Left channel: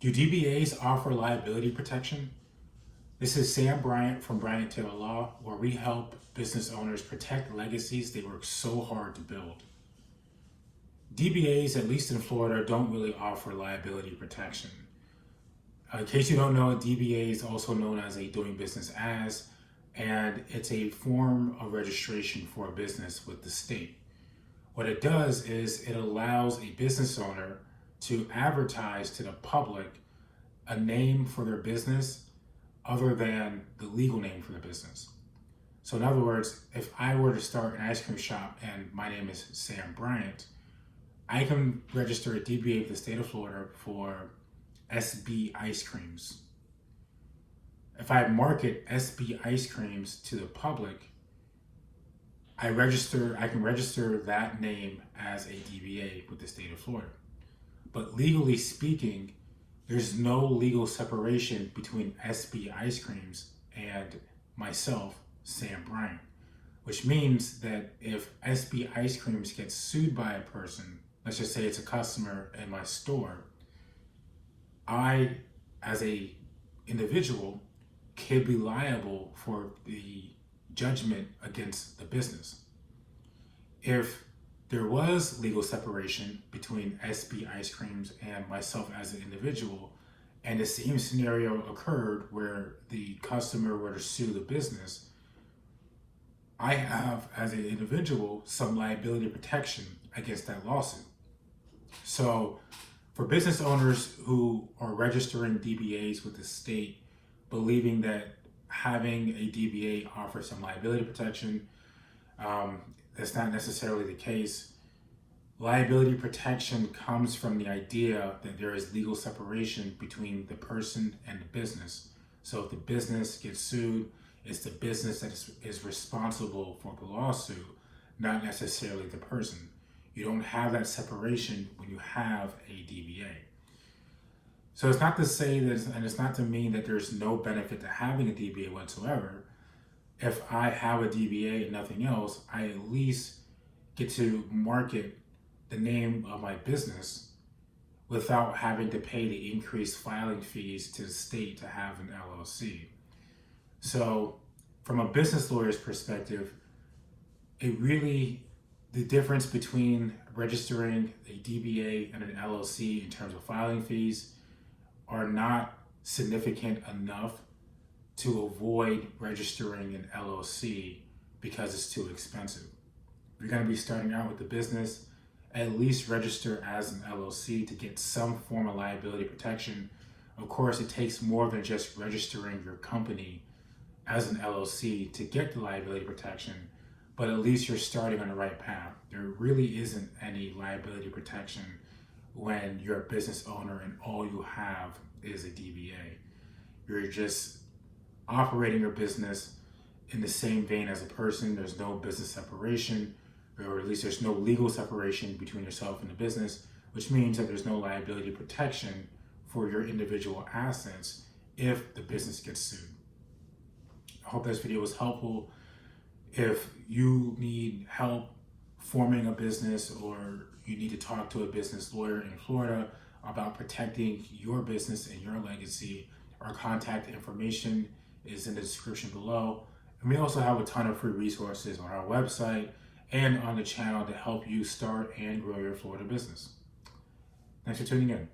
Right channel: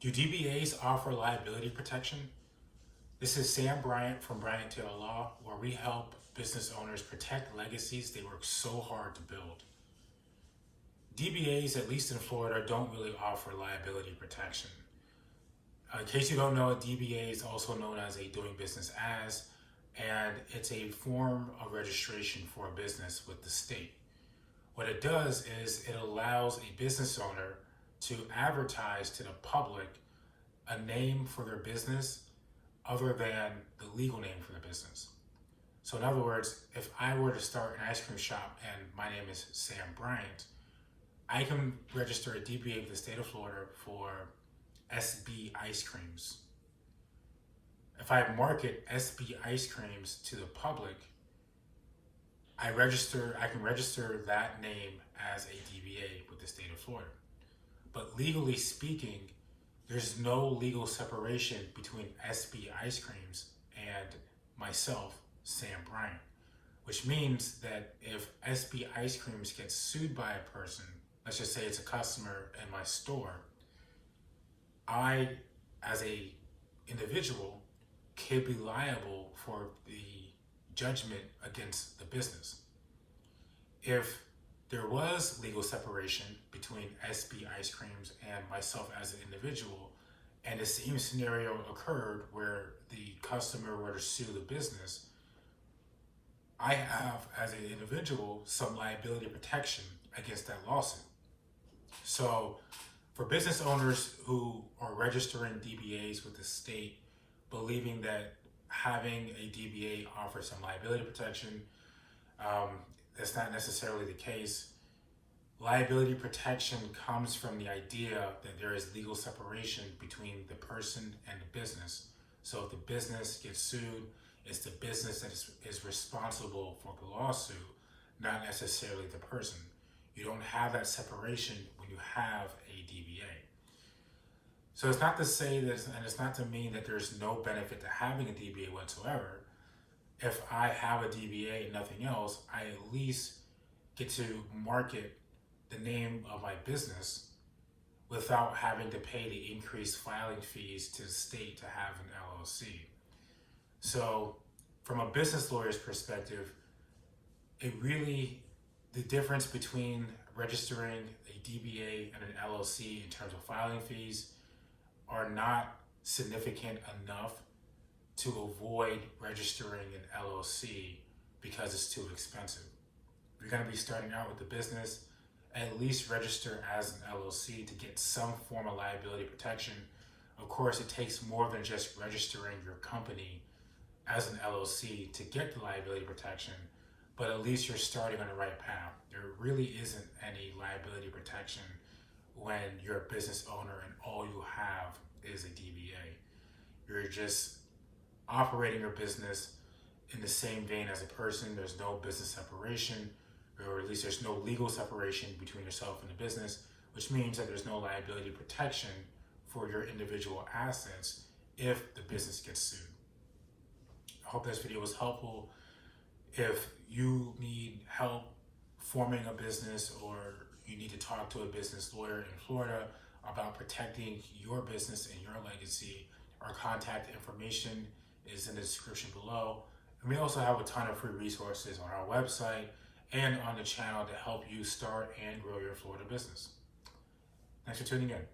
Do DBAs offer liability protection? This is Sam Bryant from Bryant Taylor Law, where we help business owners protect legacies they work so hard to build. DBAs, at least in Florida, don't really offer liability protection. In case you don't know, a DBA is also known as a doing business as, and it's a form of registration for a business with the state. What it does is it allows a business owner to advertise to the public a name for their business other than the legal name for the business. So in other words, if I were to start an ice cream shop and my name is Sam Bryant, I can register a DBA with the state of Florida for SB ice creams. If I market SB ice creams to the public, I can register that name as a DBA with the state of Florida. But legally speaking, there's no legal separation between SB ice creams and myself, Sam Bryant, which means that if SB ice creams gets sued by a person, let's just say it's a customer in my store, I, as a individual, could be liable for the judgment against the business. If there was legal separation between SB ice creams and myself as an individual, and the same scenario occurred where the customer were to sue the business, I have, as an individual, some liability protection against that lawsuit. So for business owners who are registering DBAs with the state, believing that having a DBA offers some liability protection, that's not necessarily the case. Liability protection comes from the idea that there is legal separation between the person and the business. So if the business gets sued, it's the business that is responsible for the lawsuit, not necessarily the person. You don't have that separation when you have a DBA. So it's not to say that, and it's not to mean that there's no benefit to having a DBA whatsoever. If I have a DBA and nothing else, I at least get to market the name of my business without having to pay the increased filing fees to the state to have an LLC. So from a business lawyer's perspective, the difference between registering a DBA and an LLC in terms of filing fees are not significant enough to avoid registering an LLC because it's too expensive. If you're going to be starting out with the business, at least register as an LLC to get some form of liability protection. Of course, it takes more than just registering your company as an LLC to get the liability protection, but at least you're starting on the right path. There really isn't any liability protection when you're a business owner and all you have is a DBA. You're just operating your business in the same vein as a person. There's no business separation, or at least there's no legal separation between yourself and the business, which means that there's no liability protection for your individual assets if the business gets sued. I hope this video was helpful. If you need help forming a business or you need to talk to a business lawyer in Florida about protecting your business and your legacy, our contact information is in the description below. And we also have a ton of free resources on our website and on the channel to help you start and grow your Florida business. Thanks for tuning in.